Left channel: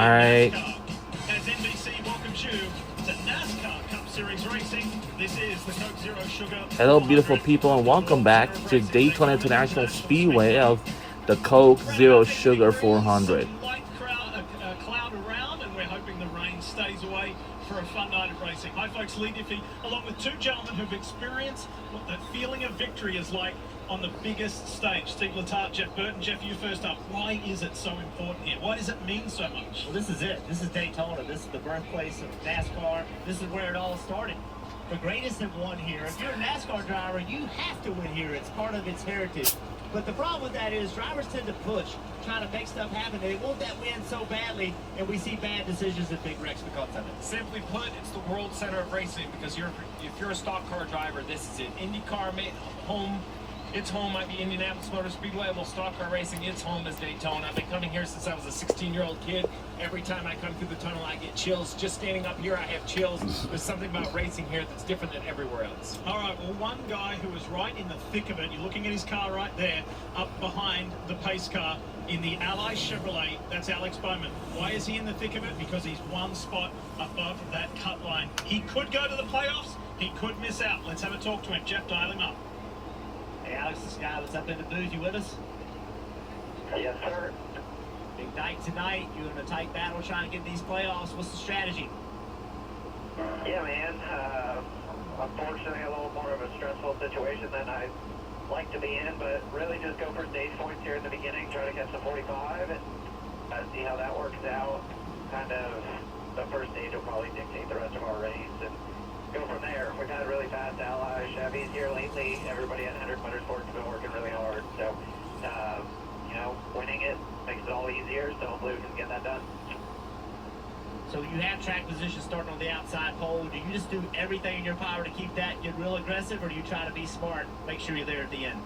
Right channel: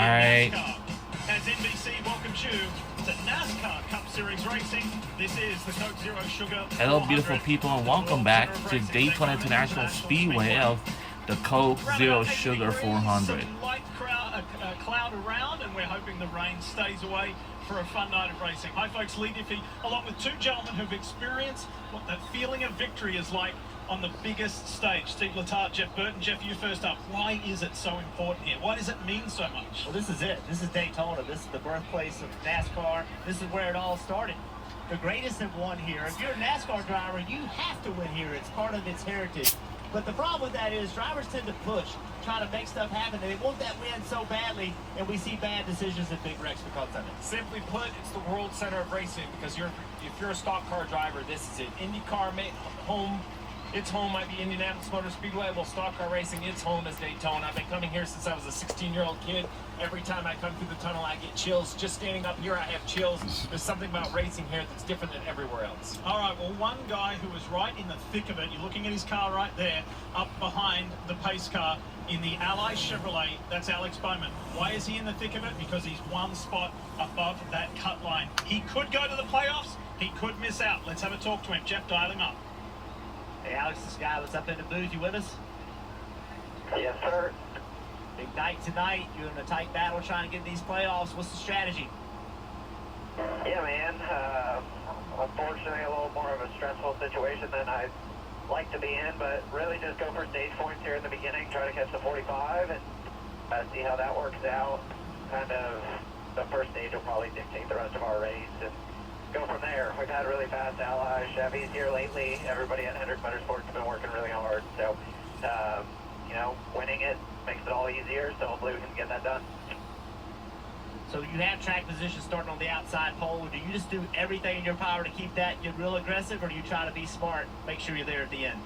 right. As NBC welcomes you to NASCAR Cup Series Racing, this is the Coke Zero Sugar. Hello, beautiful people, and welcome back to Daytona International Speedway of the Coke Zero Sugar 400. Light cloud around, and we're hoping the rain stays away for a fun night of racing. Hi, folks. Lee Diffie, along with two gentlemen who've experienced what that feeling of victory is like on the biggest stage. Steve Letarte, Jeff Burton. Jeff, you first up. Why is it so important here? Why does it mean so much? Well, this is it. This is Daytona. This is the birthplace of NASCAR. This is where it all started. The greatest have won here. If you're a NASCAR driver, you have to win here. It's part of its heritage. But the problem with that is drivers tend to push, trying to make stuff happen. They want that win so badly, and we see bad decisions in big wrecks because of it. Simply put, it's the world center of racing because if you're a stock car driver, this is it. IndyCar home. Its home might be Indianapolis Motor Speedway. Well, stock car racing, its home is Daytona. I've been coming here since I was a 16-year-old kid. Every time I come through the tunnel, I get chills. Just standing up here, I have chills. There's something about racing here that's different than everywhere else. All right, well, one guy who was right in the thick of it, you're looking at his car right there, up behind the pace car in the Ally Chevrolet, that's Alex Bowman. Why is he in the thick of it? Because he's one spot above that cut line. He could go to the playoffs. He could miss out. Let's have a talk to him. Jeff, dial him up. Hey, Alex, this guy was up in the booth. You with us? Yes, sir. Big night tonight. You're in a tight battle trying to get these playoffs. What's the strategy? Yeah, man. Unfortunately, a little more of a stressful situation than I'd like to be in, but really just go for stage points here in the beginning, try to catch the 45, and see how that works out. Kind of the first stage will probably dictate the rest of our race, and go from there. We've had really fast Ally Chevys here lately. Everybody at Hendrick Motorsports has been working really hard, so winning it makes it all easier, so hopefully we can get that done. So you have track position starting on the outside pole. Do you just do everything in your power to keep that, get real aggressive, or do you try to be smart, make sure you're there at the end?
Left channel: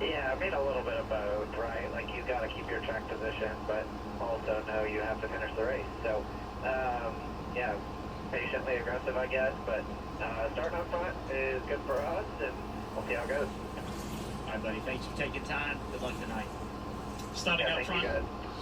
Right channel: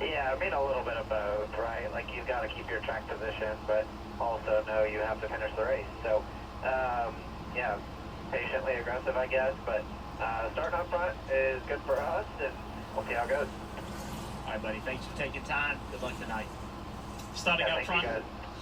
Yeah, I mean a little bit of both, right? Like you've got to keep your track position, but also know you have to finish the race. So, yeah, patiently aggressive, I guess, but starting up front is good for us, and we'll see how it goes. All right, buddy. Thanks for taking time. Good luck tonight. Starting up front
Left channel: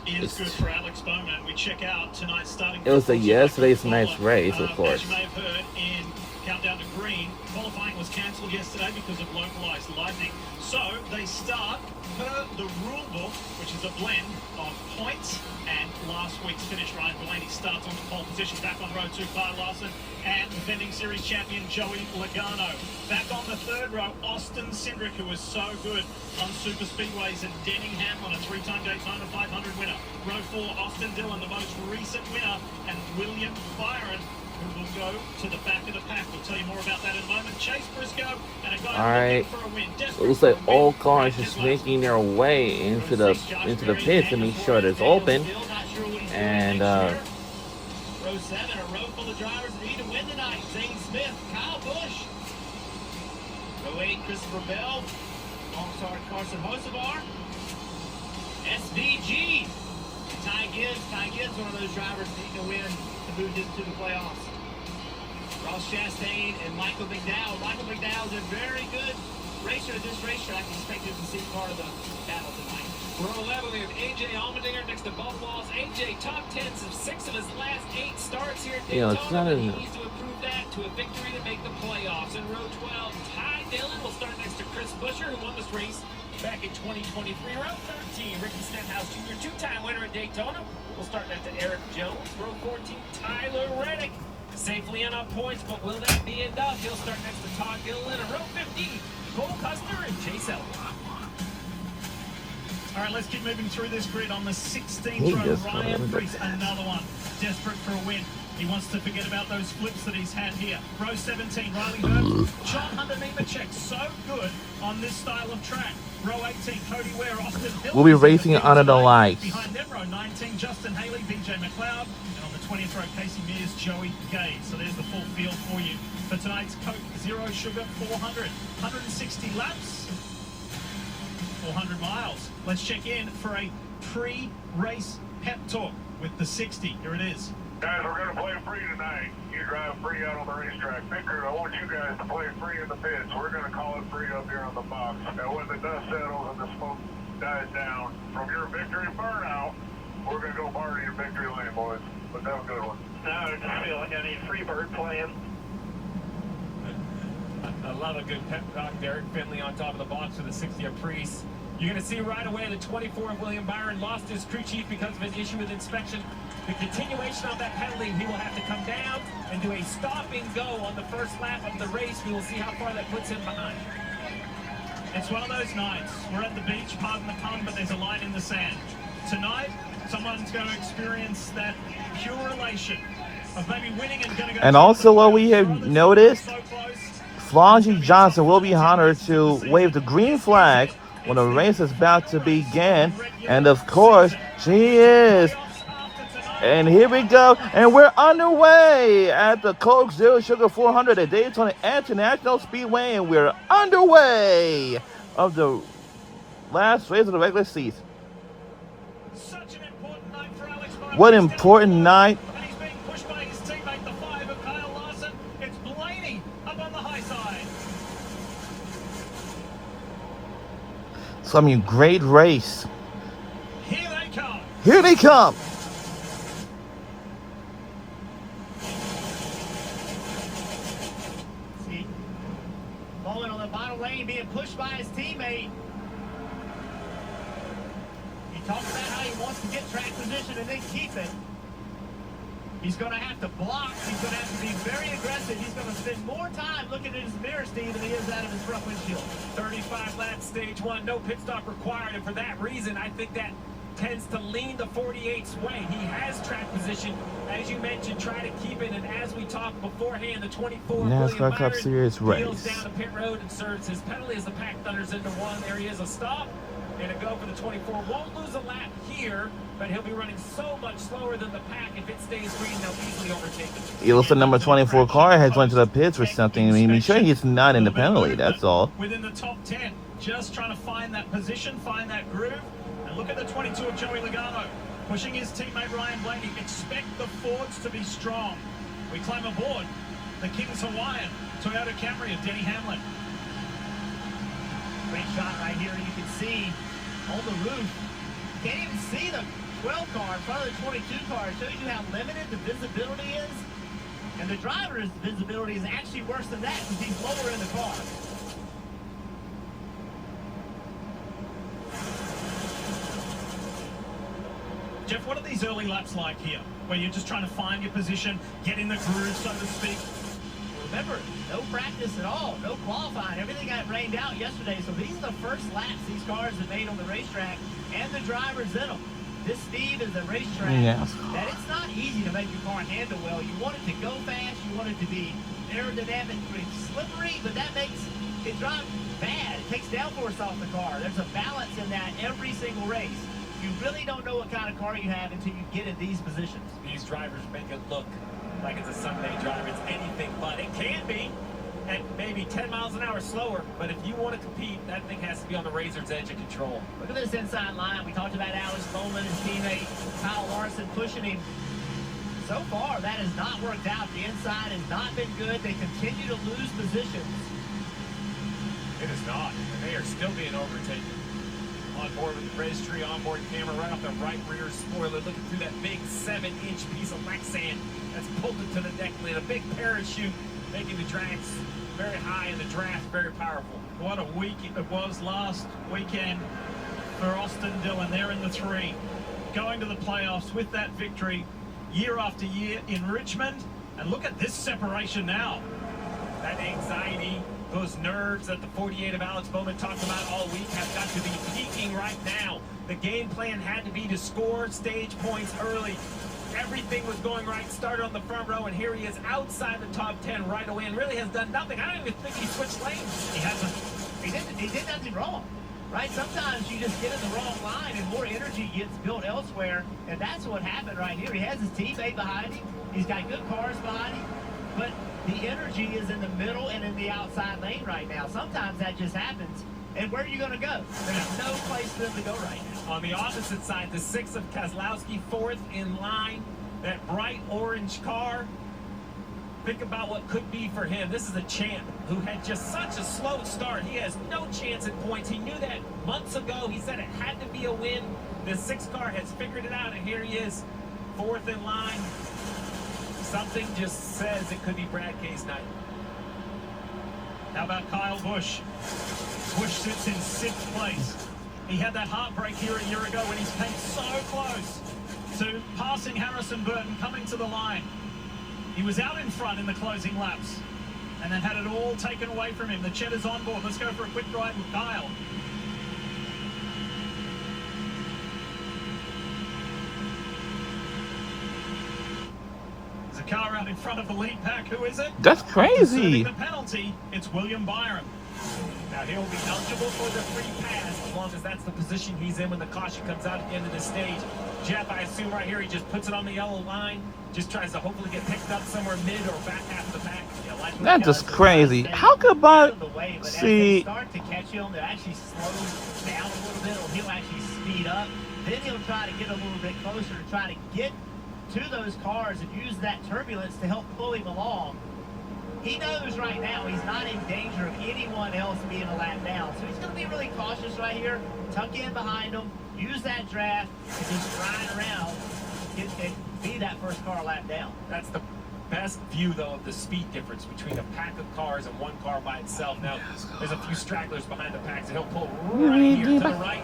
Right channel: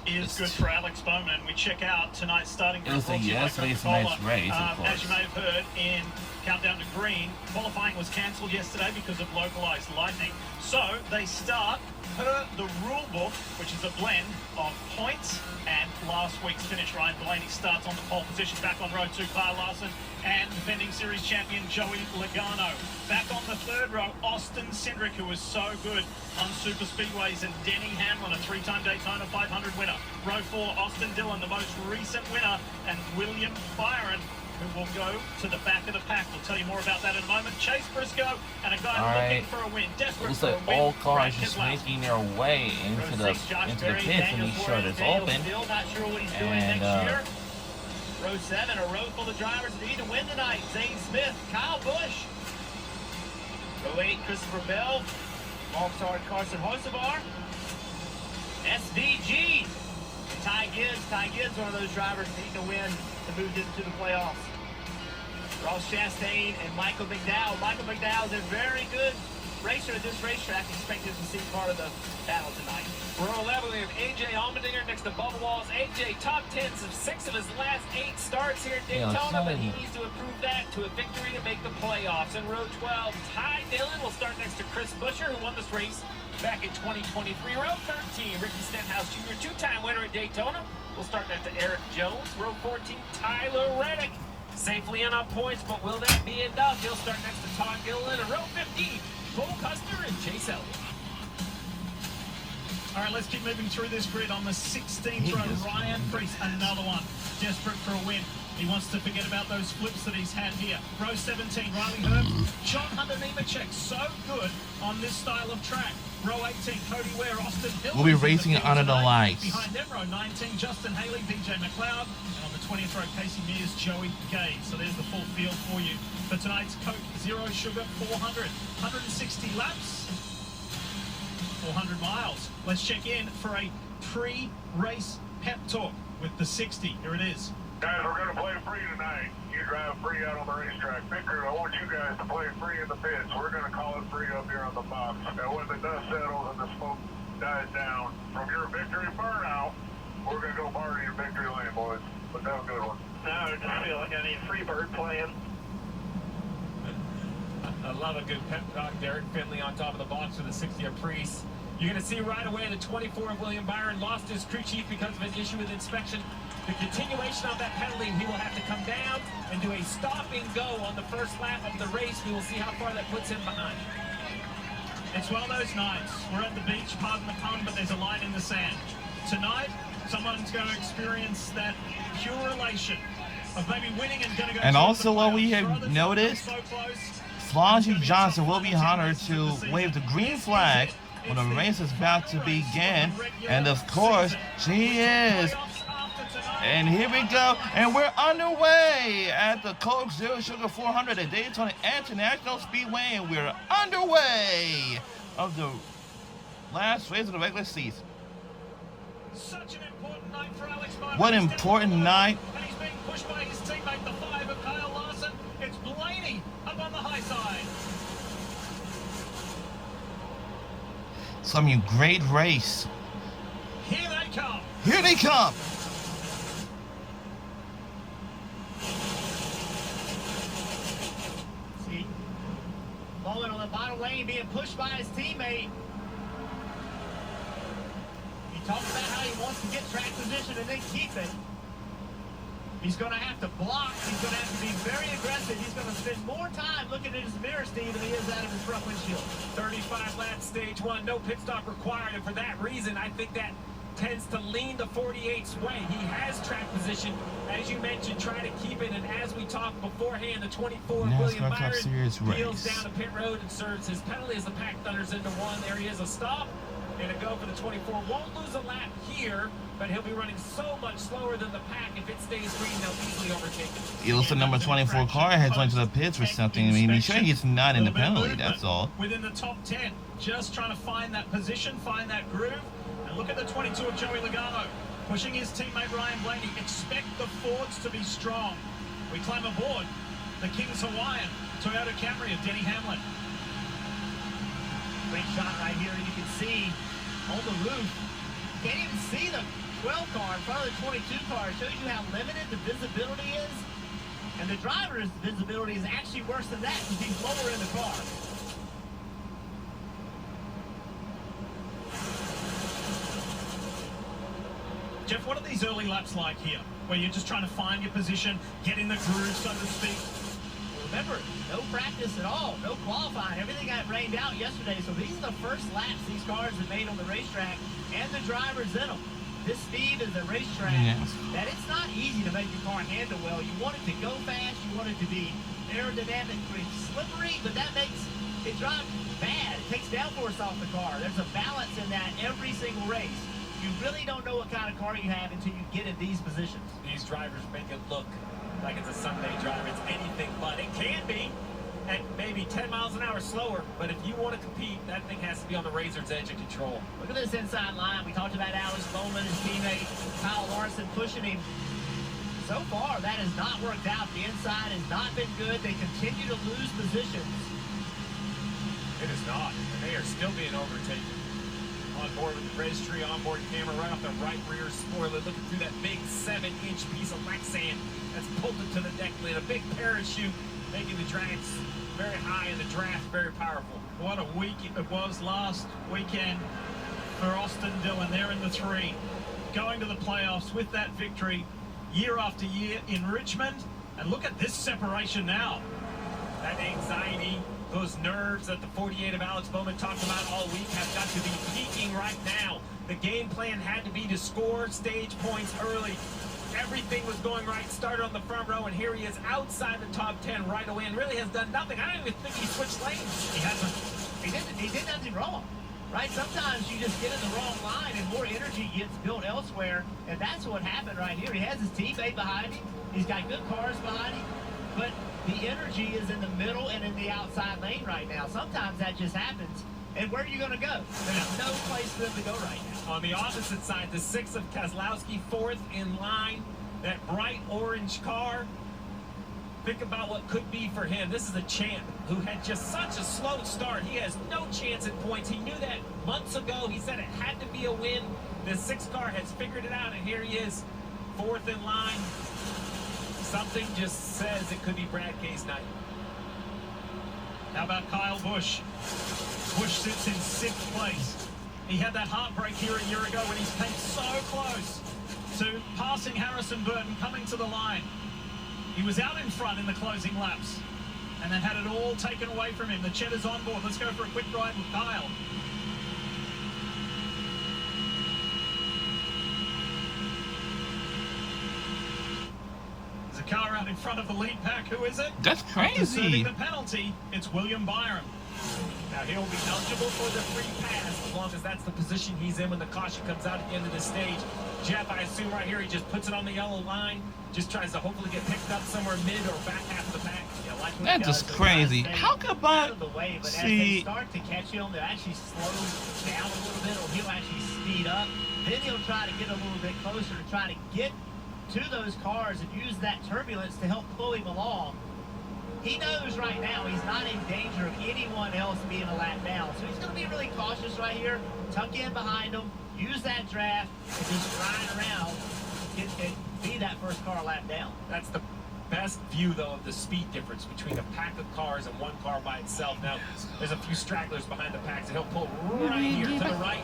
is good for Alex Bowman. We check out tonight's starting. It was yesterday's night's race, of course. As you may have heard in Countdown to Green, qualifying was cancelled yesterday because of localized lightning. So they start per the rule book, which is a blend of points and last week's finish. Ryan Blaney starts on the pole position, back on row 2, Kyle Larson and defending series champion Joey Logano. Back on the third row, Austin Cindric, who was so good on super speedways, and Denning Hamlin, a 3-time Daytona 500 winner. Row 4, Austin Dillon, the most recent winner, and William Byron, who will go to the back of the pack. We'll tell you more about that in a moment. Chase Briscoe and a guy looking for a win. It looks like all cars just making their way into the pits, and he shut is open. And row 7, a row full of drivers need to win tonight. Zane Smith, Kyle Busch. Row 8, Christopher Bell, All-Star Carson Hocevar, SVG. Ty Gibbs, one of those drivers needing to win to move into the playoffs. Ross Chastain and Michael McDowell. Michael McDowell is a very good racer at this racetrack. Expected to see part of the battle tonight. Row 11, we have A.J. Allmendinger next to Bubba Wallace. A.J. top 10s of 6 of his last 8 starts here at Daytona, but he needs to improve that to a victory to make the playoffs. In row 12, Ty Dillon will start next to Chris Buescher, who won this race back in 2023. Row 13, Ricky Stenhouse Jr., 2-time winner at Daytona. We'll start next to Eric Jones. Row 14, Tyler Reddick. Safely in on points, but will that be enough? He'll start next to Todd Gilliland. And row 15, Cole Custer and Chase Elliott. All right, let's keep moving through this grid. On the 16th row, Ryan Preece, another one, desperate for a win. He wants to forget about those flips that he's had here. Row 17, Riley Herbst, John Hunter Nemechek, so good on this style of track. Row 18, Cody Ware, Austin Hill. We'll be racing under the lights. Behind them, row 19, Justin Haley, BJ McLeod. And on the 20th row, Casey Mears, Joey Gay. So there's the full field for you for tonight's Coke Zero Sugar 400. 160 laps, 400 miles. Let's check in for a pre-race pep talk with the 60. Here it is. Guys, we're going to play free tonight. You drive free out on the racetrack. Victor, I want you guys to play free in the pits. We're going to call it free up here on the box. Now, when the dust settles and the smoke dies down from your victory burnout, we're going to go party victory lane, boys. Let's have a good one. No, I just feel like I need Freebird playing. I love a good pep talk. Derek Finley on top of the box for the 60th Priest. You're going to see right away the 24 of William Byron lost his crew chief because of an issue with inspection. The continuation of that penalty, he will have to come down and do a stop and go on the first lap of the race. We will see how far that puts him behind. It's one of those nights. We're at the beach, pardon the pun, but there's a line in the sand. Tonight, someone's going to experience that pure elation of maybe winning and going to go. And also, what we have noticed, Flossie Johnson will be honored to wave the green flag when the race is about to begin. And of course, she is. And here we go. And we're underway at the Coke Zero Sugar 400 at Daytona International Speedway. And we're underway of the last race of the regular season. Such an important night for Alex Bowman. What important night. And he's being pushed by his teammate, the 5 of Kyle Larson. It's Blaney up on the high side. Some great race. Here they come. Here they come. See, Bowman on the bottom lane being pushed by his teammate. He talks about how he wants to get track position and then keep it. He's going to have to block. He's going to have to be very aggressive. He's going to spend more time looking at his mirror, Steve, than he is out of his front windshield. 35 laps, stage 1, no pit stop required. And for that reason, I think that tends to lean the 48's way. He has track position. As you mentioned, try to keep it. And as we talked beforehand, the 24 NASCAR Cup Series peels race. down to pit road and serves his penalty as the pack thunders into 1. There he is, a stop. And a go for the 24. Won't lose a lap here, but he'll be running so much slower than the pack. If it stays green, they'll easily overtake him. It looks the number 24 car has went to the pits for something. I mean, be sure he's not in the penalty, that's all. Within the top 10, just trying to find that position, find that groove. And look at the 22 of Joey Logano, pushing his teammate Ryan Blaney. Expect the Fords to be strong. We climb aboard the King's Hawaiian Toyota Camry of Denny Hamlin. Great shot right here. You can see on the roof. Can't even see the 12 car in front of the 22 car. It shows you how limited the visibility is. And the driver's visibility is actually worse than that because he's lower in the car. Jeff, what are these early laps like here? Where you're just trying to find your position, get in the groove, so to speak? Remember, no practice at all, no qualifying. Everything got rained out yesterday. So these are the first laps these cars have made on the racetrack and the drivers in them. This, Steve, is a racetrack that it's not easy to make your car handle well. You want it to go fast, you want it to be aerodynamically slippery, but that makes it drive bad. It takes downforce off the car. There's a balance in that every single race. You really don't know what kind of car you have until you get in these positions. These drivers make it look like it's a Sunday drive. It's anything but. It can be at maybe 10 miles an hour slower, but if you want to compete, that thing has to be on the razor's edge of control. Look at this inside line. We talked about Alex Bowman, his teammate Kyle Larson pushing him. So far, that has not worked out. The inside has not been good. They continue to lose positions. It is not, and they are still being overtaken. On board with the registry, onboard camera right off the right rear spoiler, looking through that big 7-inch piece of Lexan that's bolted to the deck lid. A big parachute, making the drags very high and the draft very powerful. What a week it was last weekend for Austin Dillon. They're in the 3, going to the playoffs with that victory year after year in Richmond. And look at this separation now. That anxiety, those nerves that the 48 of Alex Bowman talked about all week have got to be peaking right now. The game plan had to be to score stage points early. Everything was going right, started on the front row, and here he is outside the top 10 right away and really has done nothing. I don't even think he switched lanes. He hasn't. He did nothing wrong, right? Sometimes you just get in the wrong line and more energy gets built elsewhere, and that's what happened right here. He has his teammate behind him. He's got good cars behind him, but the energy is in the middle and in the outside lane right now. Sometimes that just happens. And where are you going to go? There's no place for them to go right now. On the opposite side, the 6 of Keselowski, 4th in line. That bright orange car. Think about what could be for him. This is a champ who had just such a slow start. He has no chance at points. He knew that months ago. He said it had to be a win. The 6 car has figured it out, and here he is fourth in line. Something just says it could be Brad K's night. How about Kyle Busch? Busch sits in 6th place. He had that heartbreak here a year ago when he came so close to passing Harrison Burton coming to the line. He was out in front in the closing laps and then had it all taken away from him. The Cheddar's on board. Let's go for a quick ride with Kyle. There's a car out in front of the lead pack. Who is it? That's crazy. Serving the penalty, it's William Byron. Now he'll be eligible for the free pass as long as that's the position he's in when the caution comes out at the end of the stage. Jeff, I assume right here he just puts it on the yellow line, just tries to hopefully get picked up somewhere mid or back half of the pack. Yeah, like That's just crazy. How could out Bob of the way, but as they see? start to catch him, they'll actually slow down a little bit, or he'll actually speed up. Then he'll try to get a little bit closer to try to get to those cars and use that turbulence to help pull him along. He knows right now he's not in danger of anyone else being a lap down. So he's going to be really cautious right here. Tuck in behind him, use that draft, and just ride around and be that first car lap down. That's the best view, though, of the speed difference between a pack of cars and one car by itself. Now, there's a few stragglers behind the pack, so he'll pull right here to the right,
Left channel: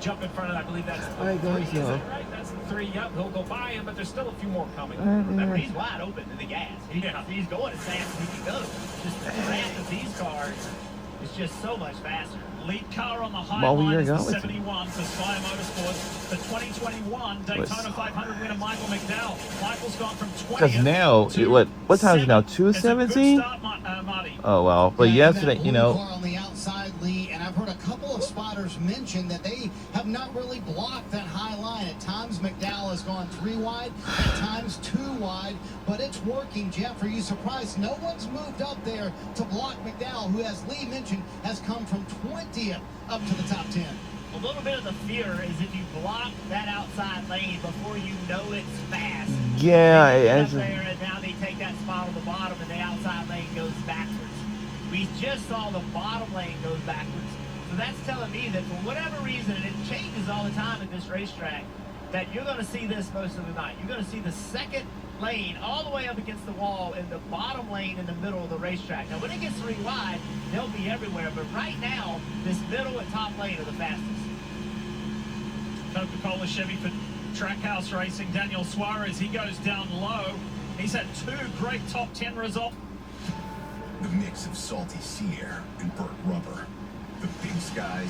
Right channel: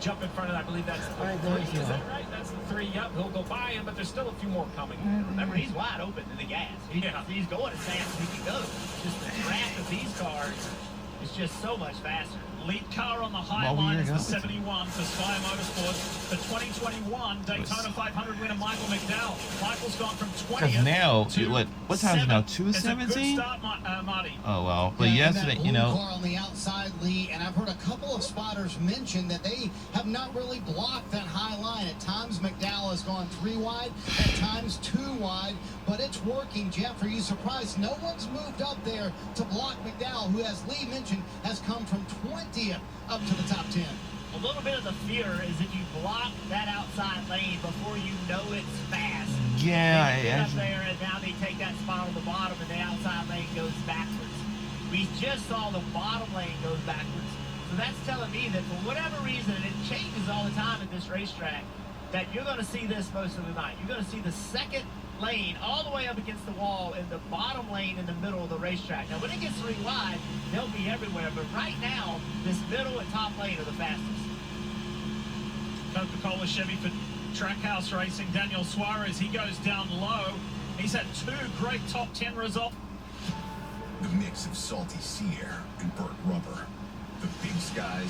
jump in front of, I believe that's the 3, is that right? That's the 3, yep, he'll go by him, but there's still a few more coming. Remember, he's wide open to the gas. He's going as fast as he can go. Just the draft of these cars is just so much faster. Lead car on the high What line year is the ago? 71 for Spire Motorsports. The 2021 Daytona 500 winner Michael McDowell. Michael's gone from 20th Because now, to what time is it now? 7th. It's a good 2:17? start, Marty. Oh wow! But Yeah, and yesterday, that you blue know, car on the outside, Lee, and I've heard a couple of spotters mention that they have not really blocked that high line. At times, McDowell has gone 3 wide, at times 2 wide, but it's working. Jeff, are you surprised? No one's moved up there to block McDowell, who, as Lee mentioned, has come from 20th up to the top 10. A little bit of the fear is if you block that outside lane before you know it's fast. yeah, They get up it's, there and now they take that spot on the bottom and the outside lane goes backwards. We just saw the bottom lane goes backwards. So that's telling me that for whatever reason, and it changes all the time at this racetrack, that you're going to see this most of the night. You're going to see the second lane all the way up against the wall and the bottom lane in the middle of the racetrack. Now, when it gets 3 wide, they'll be everywhere. But right now, this middle and top lane are the fastest. Coca-Cola Chevy for Trackhouse Racing. Daniel Suarez, he goes down low. He's had 2 great top 10 results. The mix of salty sea air and burnt rubber. The big skies